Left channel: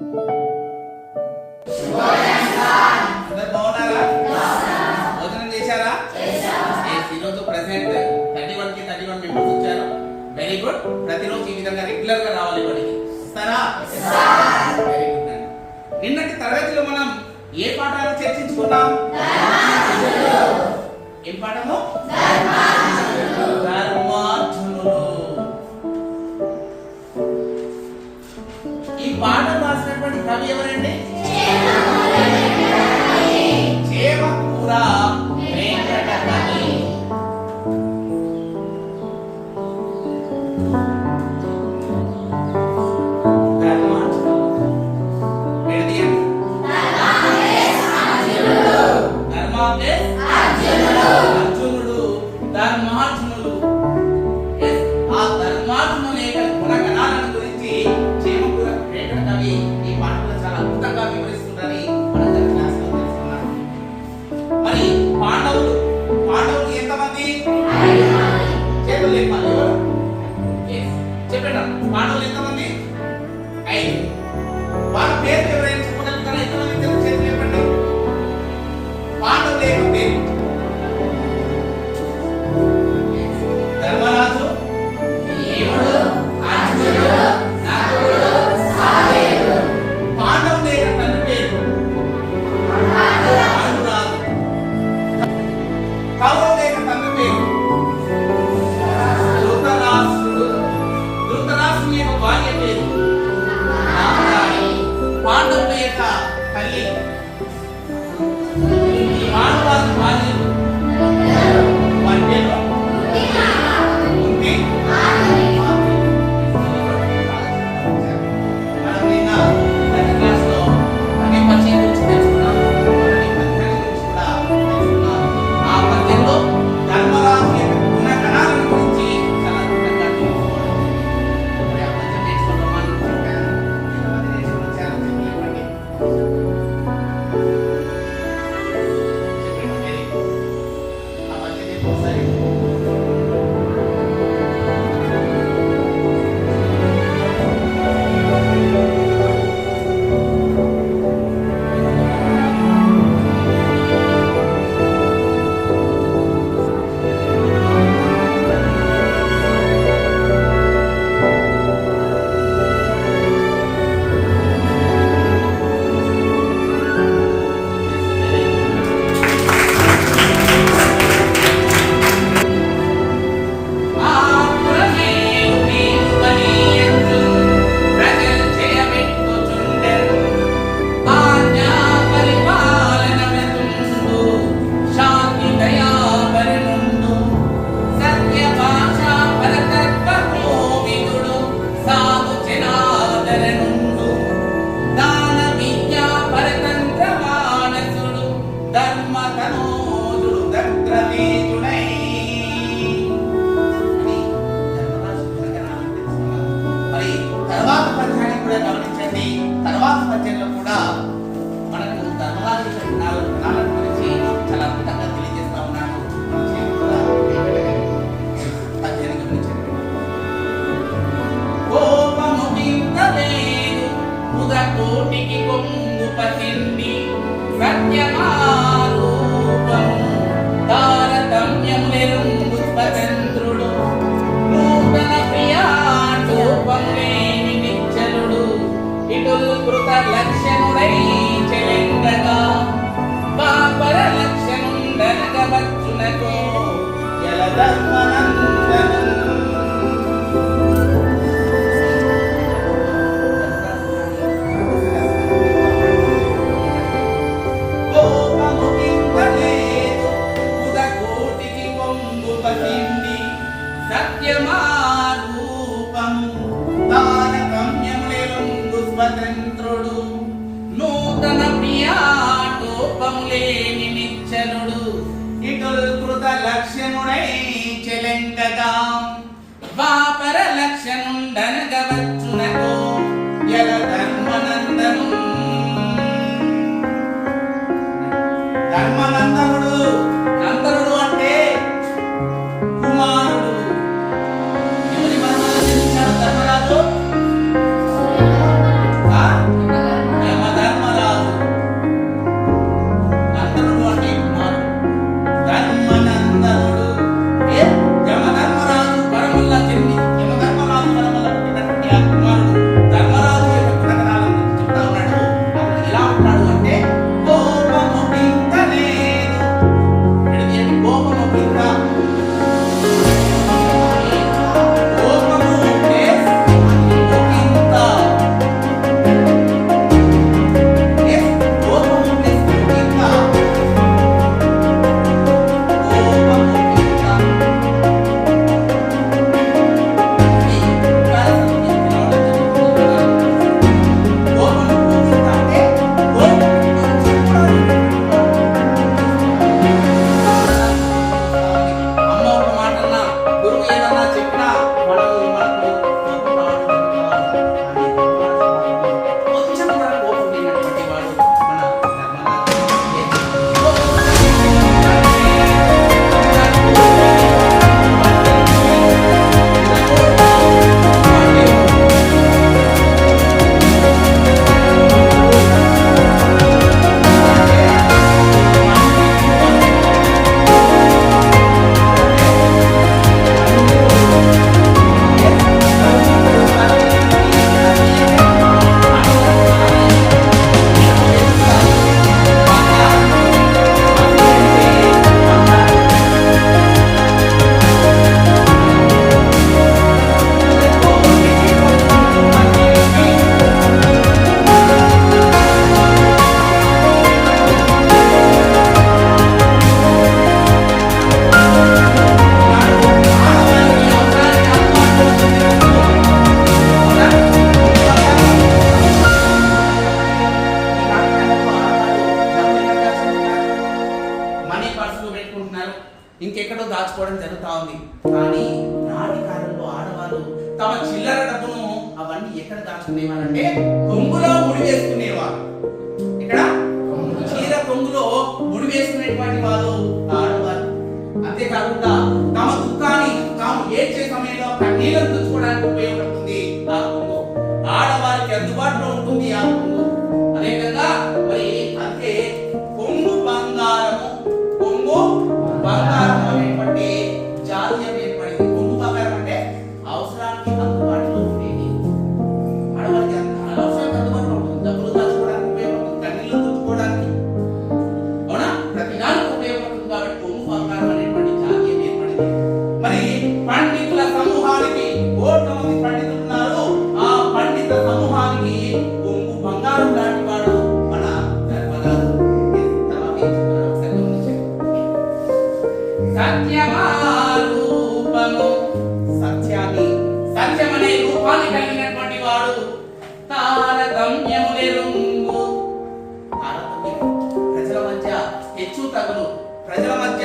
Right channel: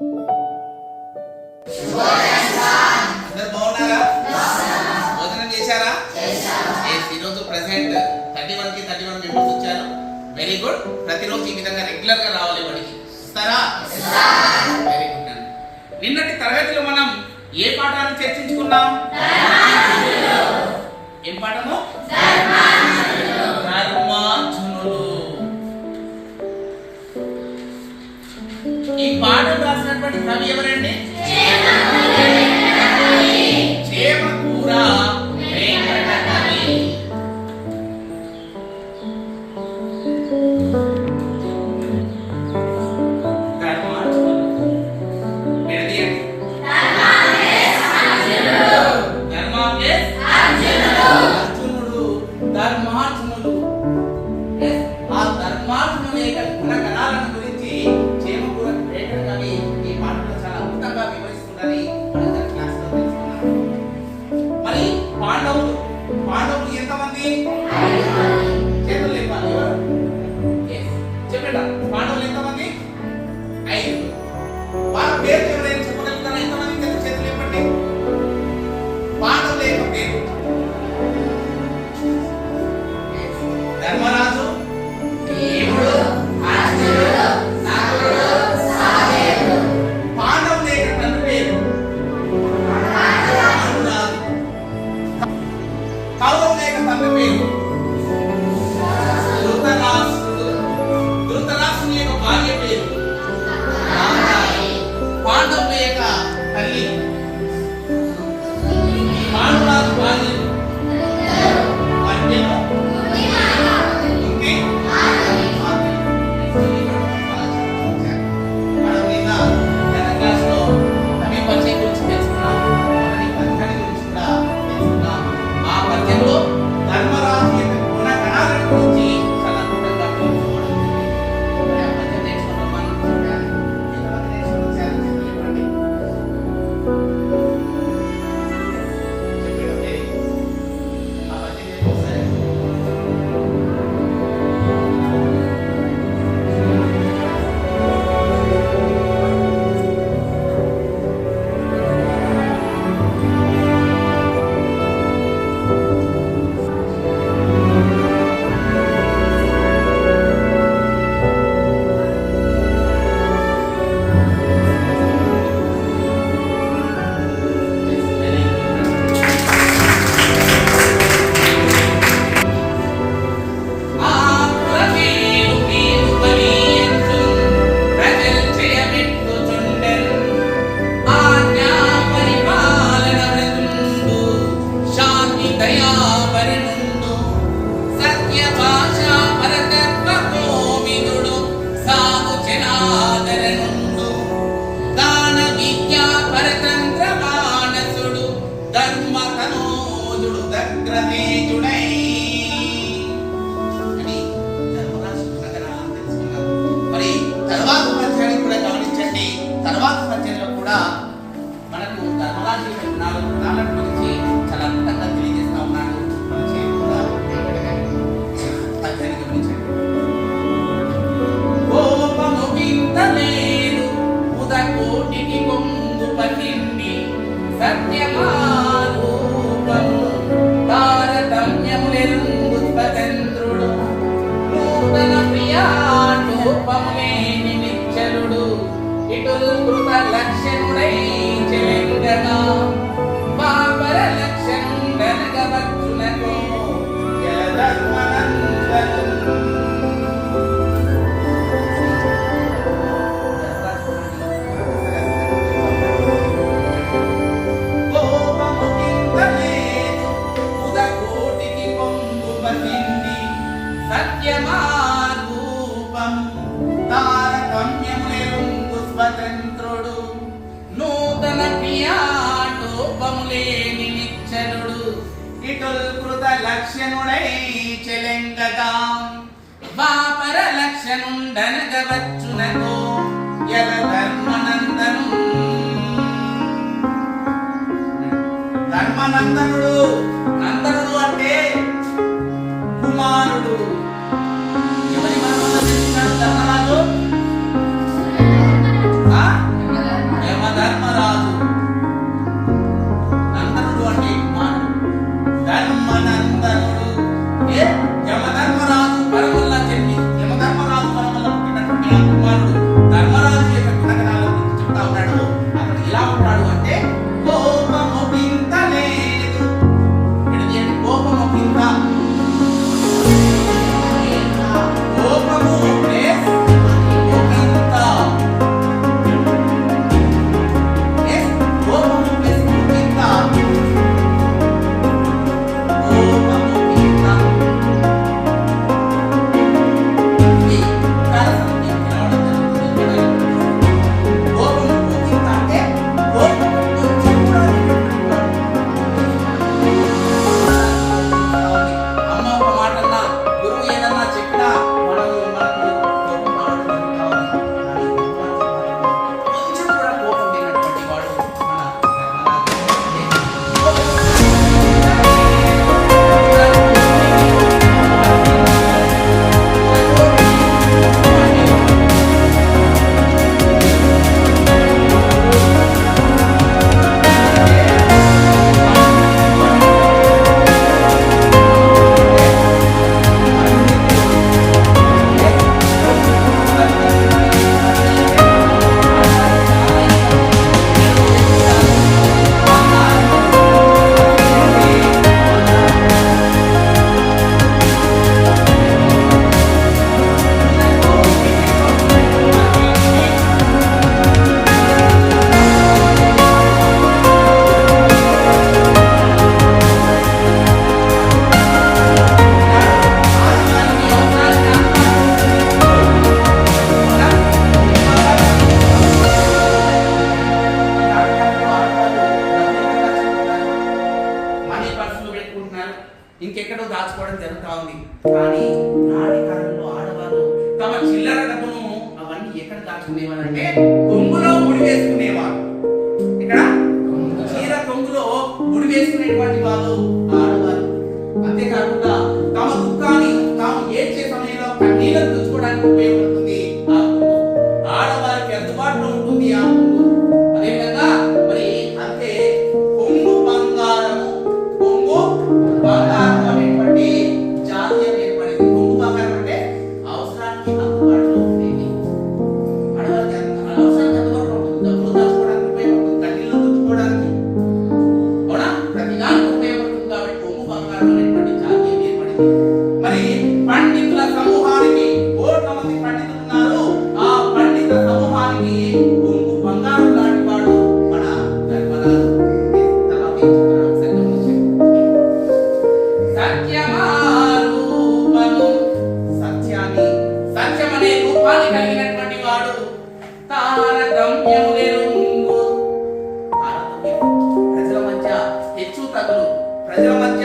అందరు బాగున్నారా? భోజనం చేశారా? ఈరోజు ప్రెసెంట్ 31 మెంబర్స్ వచ్చారు. Very good. ప్రతిరోజు ఈ విధంగా రెగ్యులర్ గా రావాలి బడికి. వస్తారా? వెరీ గుడ్ అండి. నిన్నటి తరగతిలో మనం ఏ పాఠాలు చర్చించుకున్నాం? ఏం పాఠము? ధర్మార్జునుడు. ఈ పాఠం రాసినటువంటి కవి ఎవరండి? చేమకూర వెంకట కవి. ధర్మార్జునుడు. ఆ ధర్మార్జునుని యొక్క గుణగణాలను గురించి చేమకూర వెంకట కవి ఈ పాఠంలో చాలా అద్భుతంగా వివరిస్తుందని మనం క్లాస్ లో తెలుసుకున్నాం. మరి పాండవులు ఎంతమంది? చేతులు లేపాలి. చెప్పండి, పాండవులు ఎంతమంది? 5. వాళ్ళ పేరు ఎవరైనా చెప్పగలుగుతారా? ఎంతమంది తెలుసు? చేతులు లేపండి. పాండవులు యొక్క పేరు: ధర్మరాజు, భీముడు, అర్జునుడు, నకులుడు, సహదేవుడు. పాండవుల యొక్క తండ్రి పేరు పాండురాజు. కౌరవుల యొక్క తండ్రి పేరు ధృతరాష్ట్రుడు. ధృతరాష్ట్రుని యొక్క భార్య పేరు గాంధారి. పాండవుల యొక్క తల్లి పాండురాజు భార్య వారి పేరు తర్వాత పద్యంలో కూడా మనకు ధర్మరాజు యొక్క గుణాల గురించి చాలా అద్భుతంగా తెలియజేస్తా ఉన్నాడు. పద్యాన్ని గమనించండి. కోపము వింతలేదు ఉదకోటికి కొంగు పతిండి సత్యమారూపము తారతమ్యములెరుంగు స్వతంత్రుడు నూతన ప్రియాటోపములేని నిశ్చలుడు ఇటులు కృత లక్ష్యనుడై చెలెంగగా బాపర లక్ష్యనుండనగ వచ్చునకో జలధర్మనందనం. కోపము వింతలేదు ఉదకోటికి కొంగు పతిండి సత్యమారూపము తారతమ్యములెరుంగు స్వతంత్రుడు నూతన ప్రియాటోపములేని నిశ్చలుడు ఇటుల్ కృత లక్ష్యనుడై చెలెంగగా వాపర లక్ష్యనుండనగ వచ్చునకో యల ధర్మనందను. ధర్మనందనుడు, నందనుడు అంటే కుమారుడు. ఎవరి మనవరాలు ధర్మరాజు? ఇంకెక్కడో దాచుకోవడం జరుగుతూ ఉంది. కానీ నాటి కాలంలో ఆడవారు తమ చిల్లర డబ్బును అవన్నీ ఎక్కడ దాచుకునేవారంటే కొంగులో ముడి వేసుకునేవారు. ఇక్కడ చీర కొంగులో ముడి వేసుకునేటువంటి వాళ్ళు ఆడవారు. అంతేకాకుండా తమ దుఃఖాన్ని తాము ఏడ్చే సమయంలో కన్నీళ్లను తుడుచుకోవడానికి ఉపయోగపడుతుంది ఆ కొంగు. ఆడవారికి అందుబాటులో ఉంటుంది ఆ కొంగు. అదేవిధంగా మరి అంతే కొంగు బంగారం అనేటువంటి జాతీయం ఏర్పడింది. కొంగు బంగారం అంటే అవసరానికి అందుబాటులో ఉండేది. ఆడవారికి అవసరానికి అందుబాటులో ఉంటుంది. డబ్బులు దాచుకోవడానికి ఉపయోగపడుతుంది, కన్నీళ్లు తుడుచుకోవడానికి, అవునా, ప్రతిదానికి ఉపయోగపడుతుంది. కాబట్టి కొంగు బంగారం అనేటువంటి జాతీయం ఏర్పడింది. మరి పండితుల సమూహానికి కోట్ల మంది పండితులు ఉన్నారు. ఆ పండిత సమూహానికి కొంగు బంగారం లాంటి వాడు మన ధర్మరాజు. సత్యమారూపము, సత్యమనే రూపాన్ని కలిగినటువంటి వాడు. తారతమ్యము నెరుంగు, ప్రజల మధ్య హెచ్చు తగులు, ప్రజల మధ్య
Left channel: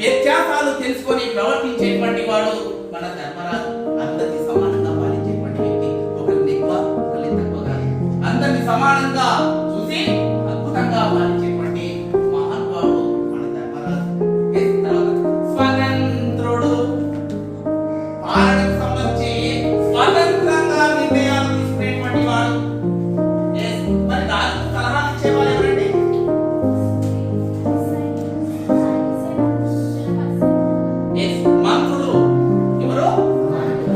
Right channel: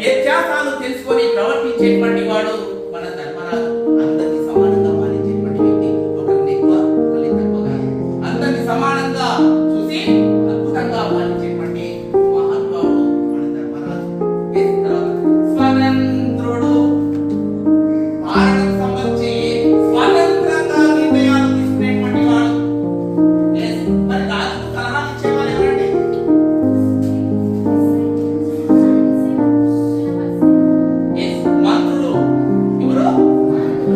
వ్యత్యాసాలు తెలుసుకొని ప్రవర్తించేటువంటి వాడు మన ధర్మరాజు. అందరినీ సమానంగా పాలించేటువంటి వ్యక్తి. ఒకరిని ఎక్కువ ఒకరిని తక్కువగా అందరినీ సమానంగా చూసి అద్భుతంగా పాలించేటువంటి మహానుభావుడు మన ధర్మరాజు. స్వతంత్రుడు, పాలనకు సంబంధించి స్వతంత్రంగా నిర్ణయాలు తీసుకునేటువంటి వాడు. మరి రాజుకు సలహా ఇచ్చేవాళ్ళు ఎవరండి? మంత్రులు. ఎవరు?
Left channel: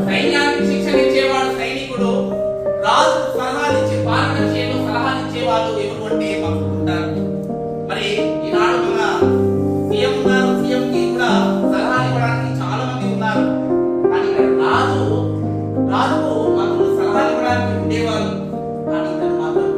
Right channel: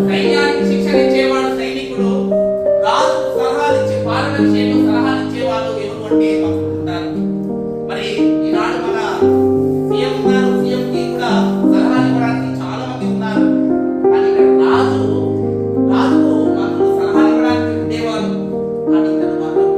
సైన్యానికి శిక్షణ ఇచ్చేవాడు సైనికుడు. రాజు సలహాలు ఇచ్చే, పాలన విషయంలో సలహాలు ఇచ్చేవాళ్ళు ఎవరు అంటే మంత్రులు ఉంటారు. మరి ఈనాడు మన సీఎం ఉన్నారు, సీఎం కి కూడా సలహాలు ఇవ్వడానికి చాలా మంది ఉన్నారు. కానీ ఇక్కడ రాజుకు మంత్రులు సలహాలు ఇవ్వడానికి ఉండేవాళ్ళు. కానీ తను మాత్రం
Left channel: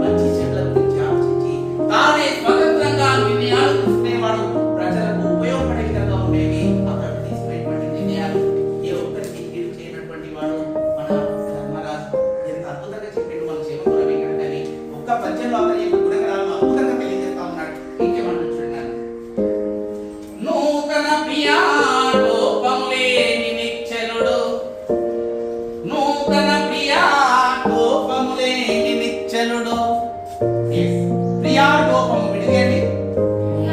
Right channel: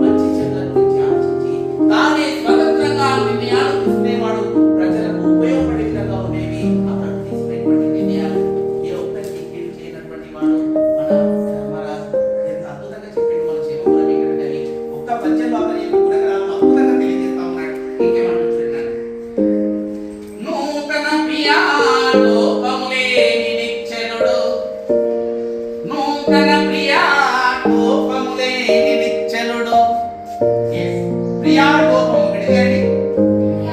మంచి చెడ్ల గురించి ఆలోచించి తానే స్వతంత్రంగా నిర్ణయాలు తీసుకునేవాడు. ప్రజలకు ఉపయోగపడే విధంగా ఉండేవి అక్కడ తీసుకునేటువంటి నిర్ణయాలు. ఏ ఒక్కరికి కీడు చేయనటువంటి వాడు మన ధర్మరాజు. ఎంత అద్భుతంగా చెప్పిండు మన శివపుర వెంకటని. ఒక్క పద్యంలో అతని యొక్క గుణగణాలను అద్భుతంగా తెలియజేస్తా ఉన్నాడు. ఇంకేమన్నా చూడండి. నూతన ప్రియాటోపములేని నిశ్చలుడు, నూతన ప్రియాటోపములేని నిశ్చలుడు. ప్రియాటోపము విడిగండి.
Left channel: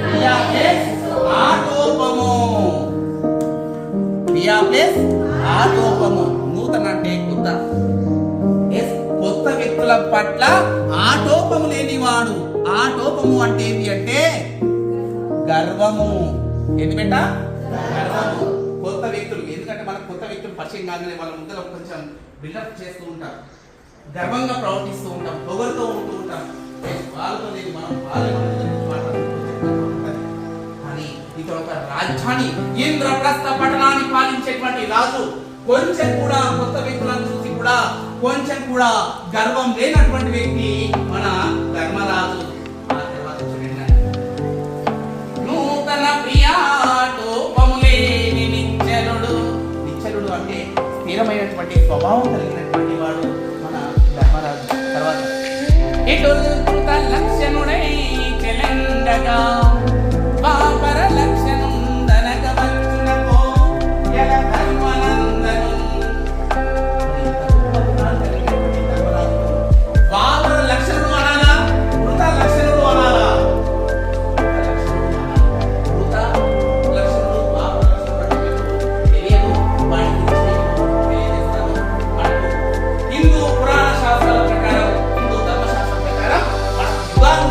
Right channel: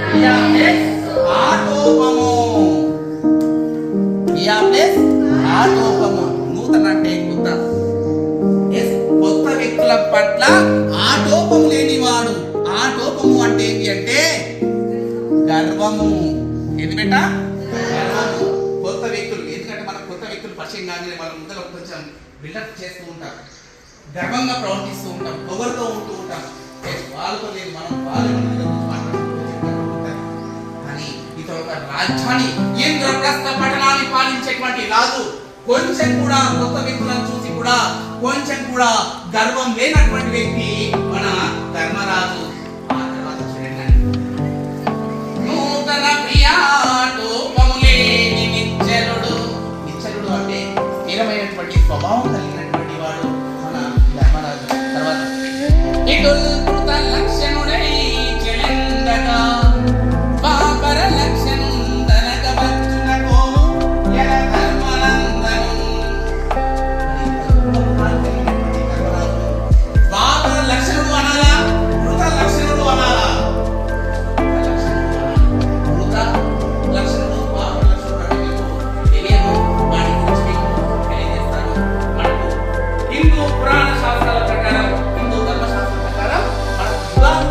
ప్రియా ప్లస్ ఆటోపము, ప్రియా ప్లస్ ఆటోపము. నూతన అంటే కొత్త. కొత్త వ్యక్తుల పట్ల ఆటోపము లేనివాడు. ఆటోపము అంటే ఏమి అంటే గర్వము. ఏది బెట్ట? గర్వము. కొత్త వ్యక్తులు, ఎందుకంటే మనకు కొత్త వ్యక్తులు పరిచయం కానీ వాళ్ళ ముందర కొంచెం బిల్డప్ చేస్తూ ఉంటాం, గర్వంగా ప్రవర్తిస్తూ ఉంటాం, పొగరుతో ఉంటూ ఉంటాం. వాళ్ళతో లేదు, మనం కానీ ఇతను ఒక రాజధాని ఇంద్రప్రస్థ పట్టణాన్ని పాలించేటువంటి రాజు. కొంచెం కూడా కొత్త వ్యక్తులను చూసి కూడా కొంచెం కూడా గర్వం లేనటువంటి వ్యక్తి మన ధర్మరాజు. ఆ తర్వాత చూడండి, నూతన ప్రియాటోపములేని నిశ్చలుడు. నిశ్చలుడు అంటే స్థిరమైనటువంటి స్వభావం కలిగినటువంటి వాడు మన ధర్మరాజు. తర్వాత ఇటుల్కృత లక్షణుడై చెలెండగా పాపర లక్షణుందనగ వచ్చునకో యగ ధర్మనందను. పాపర లక్షణుడు అనాలా, మృత లక్షణుడు అనాలా? మృత లక్షణుడు, పాపర లక్షణుడు అంటే మీకు తెలియదు. వాటి గురించి మీకు తెలియజేస్తాను. మనకు హిందూ పురాణ శాస్త్రాల ప్రకారం, హిందూ ధర్మశాస్త్రం ప్రకారం మనకు యుగాలు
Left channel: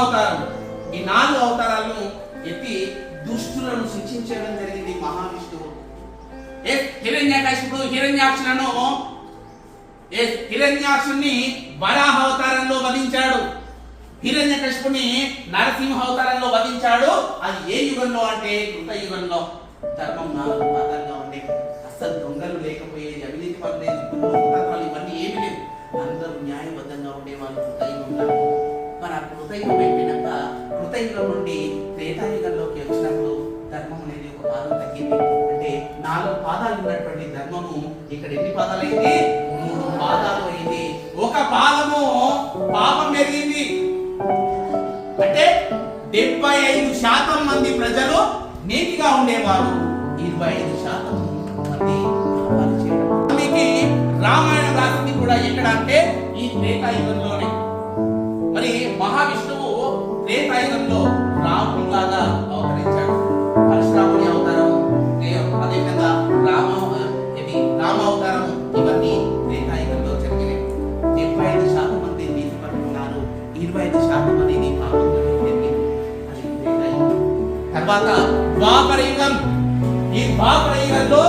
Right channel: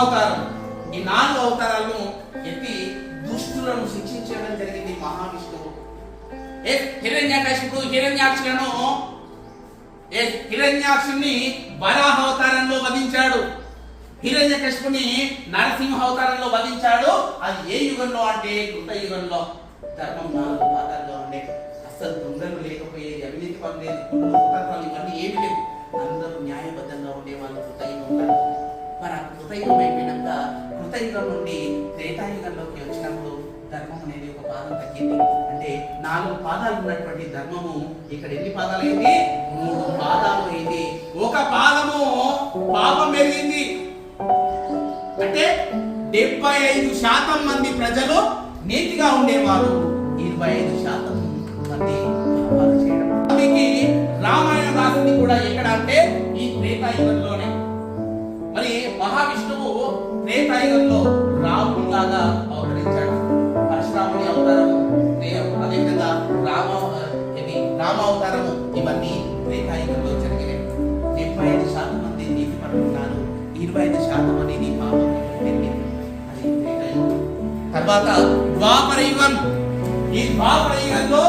అవతారం. ఈ 4 అవతారాలను ఎత్తి దుష్టులను శిక్షించడం జరిగింది మహావిష్ణువు. హిరణ్యాక్షుని వరాహ అవతారంలో వధించాడు. హిరణ్యకశిపుని నరసింహ అవతారంలో వధించాడు. అది ఏ యుగంలో అంటే కృత యుగంలో. ధర్మం 4 పాదాలుగా ఉండే, అస్సలు దొంగలు లేకపోయేది, అవినీతి పనులేదు, కుతంత్రాలు ఇవన్నీ ఏమి లేవు. అందరూ న్యాయబద్ధంగా ఉండేవాళ్ళు కృతయుగంలో. మరి ఆ కృతయుగం అయిపోయినాక కృతయుగం నుండి త్రేతాయుగంలోకి వచ్చినప్పుడు ధర్మం అనేది ఒక పాదం తగ్గింది. అంటే 4 పాదాలు ఉన్నటువంటి ధర్మము ఇక్కడ ఎన్ని పాదాలు అయింది? 3 పాదాలు అయింది. ఒక పాదము పాపం పెరిగింది. అంటే 75% మంది ప్రజలు నీతిగా ఉండేవారు, 25% మంది పాపాలు చేయడం. అందుకే రామాయణం రాసింది కూడా ఎక్కడ అంటే ఈ త్రేతాయుగంలోనే. మరి మహావిష్ణువు త్రేతాయుగంలో రాముని లాగా అవతరించాడు. పరశురాముని అవతారము, అదేవిధంగా రామ అవతారము, ఇవన్నీ త్రేతాయుగంలో జరిగినాయి. 75% మంది నీతి పరులు ఉన్నారు, 25% అనేది పాపం జరిగింది. అది త్రేతాయుగం. తర్వాత ద్వాపర యుగం. ఈ ద్వాపర యుగంలో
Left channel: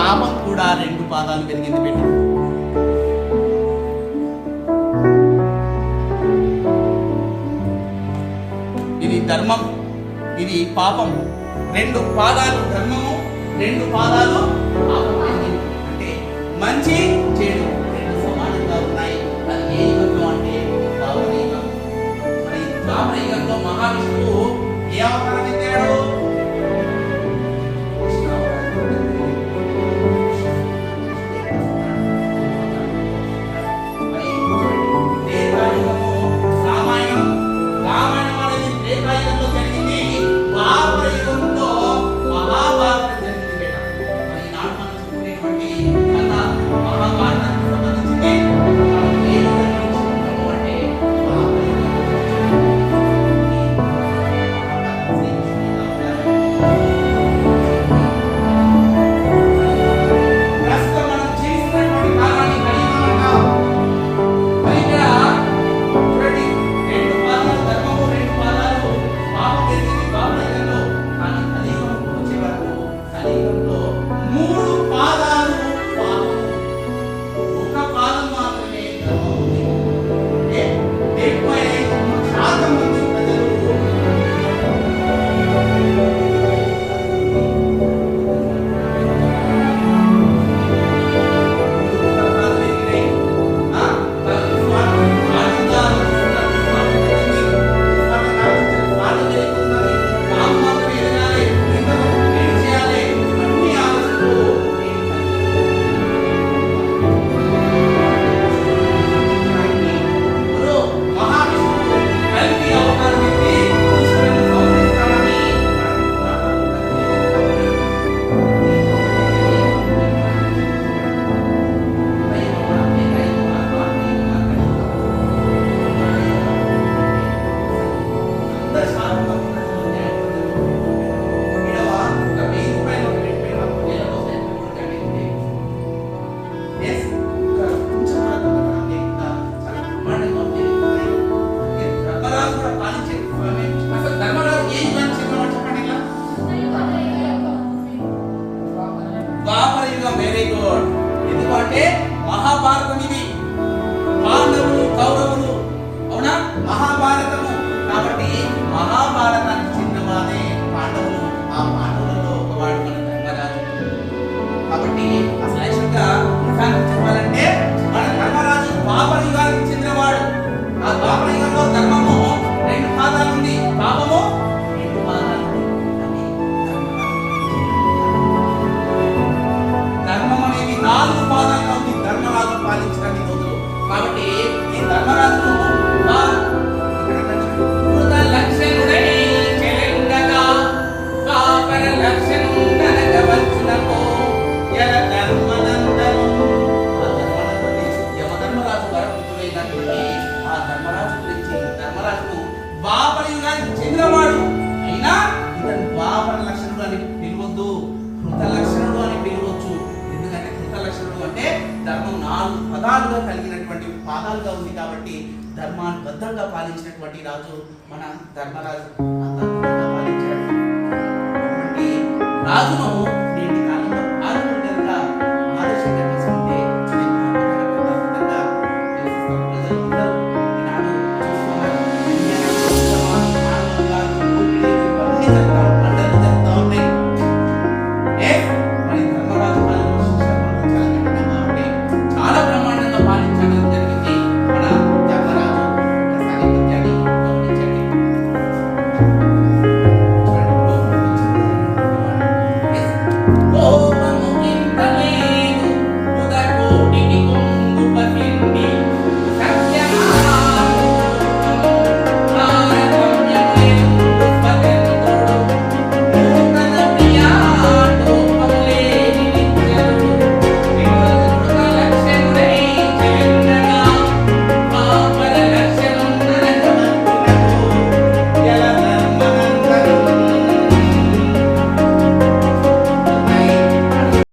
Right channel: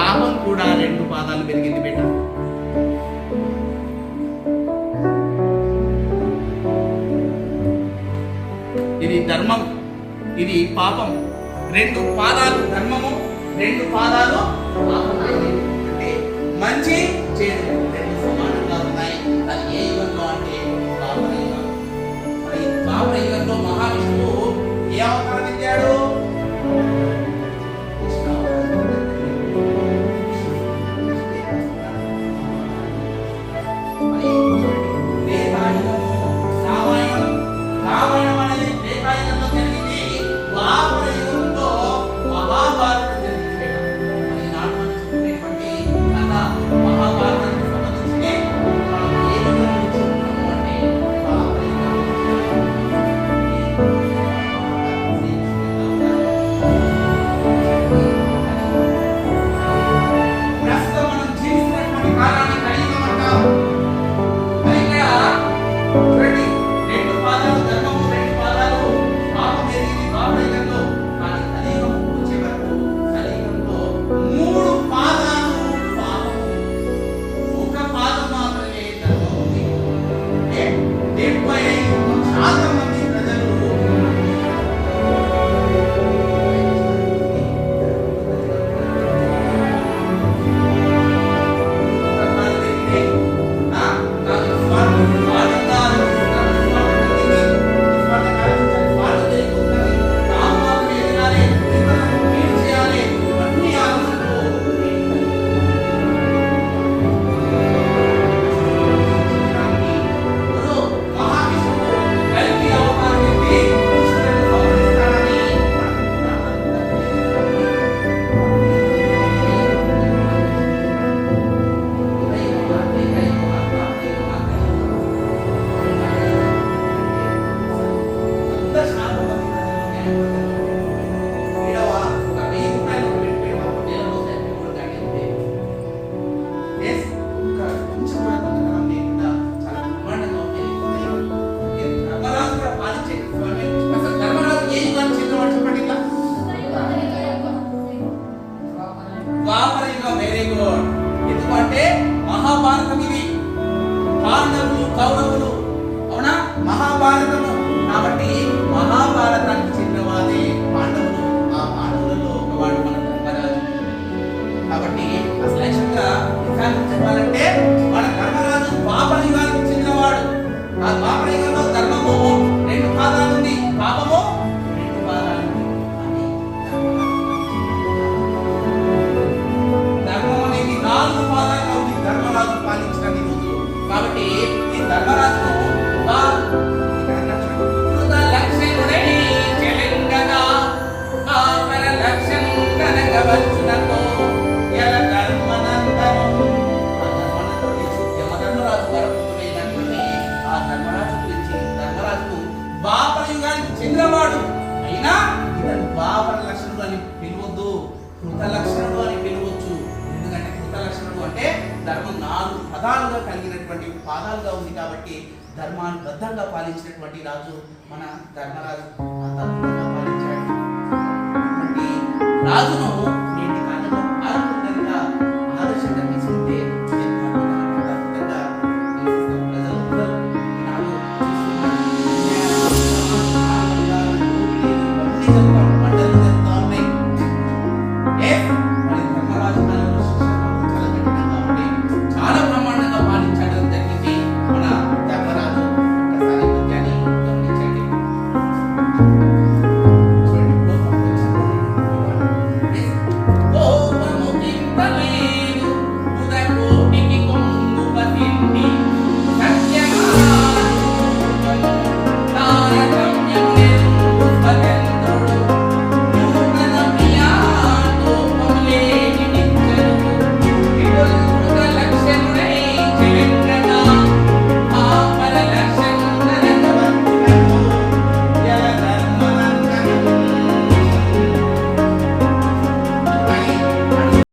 పాపం కూడా 2 పాదాలు పెరిగింది బిడ్డ. ఇది ధర్మం, ఇది పాపం. 2 పాదాలు ధర్మము, 2 పాదాలు పాపం. అంటే మంచి చెడు 2 సమానంగా ఉన్నాయి. అది ఏ యుగంలో అంటే ద్వాపర యుగం. మరి ద్వాపర యుగంలో మహావిష్ణువు ఏ అవతారం ఎత్తాడు? ఎందుకంటే మహాభారతం ఇది, పాండవులు కౌరవులు, అవునా? మహాభారతము కాబట్టి మహాభారతానికి చెందినవాడే పాండవులు. ఆ పాండవులలో ఒకవాడు మన ధర్మరాజు. కాబట్టి అసలు యాక్చువల్గా చెప్పాలంటే మన ధర్మరాజు ద్వాపర యుగానికి చెందినవాడు. ఆ ద్వాపర యుగంలో ధర్మము 2 పాదాలు ఉంది, పాపము 2 పాదాలు ఉంది. ధర్మం అనేది 4 పాదాలుగా ఉంది ధర్మరాజు పాలించడానికి రోజులు. కాబట్టి ఈ ధర్మరాజు లక్షణుడై తరాలుగా కలిగినటువంటి పాదాలుగా ఉంది కాబట్టి ధర్మానుబద్ధంగా పాలించినటువంటి రాజు మన ధర్మరాజు. అంత అద్భుతంగా పాలించాడు. అటువంటి రాజును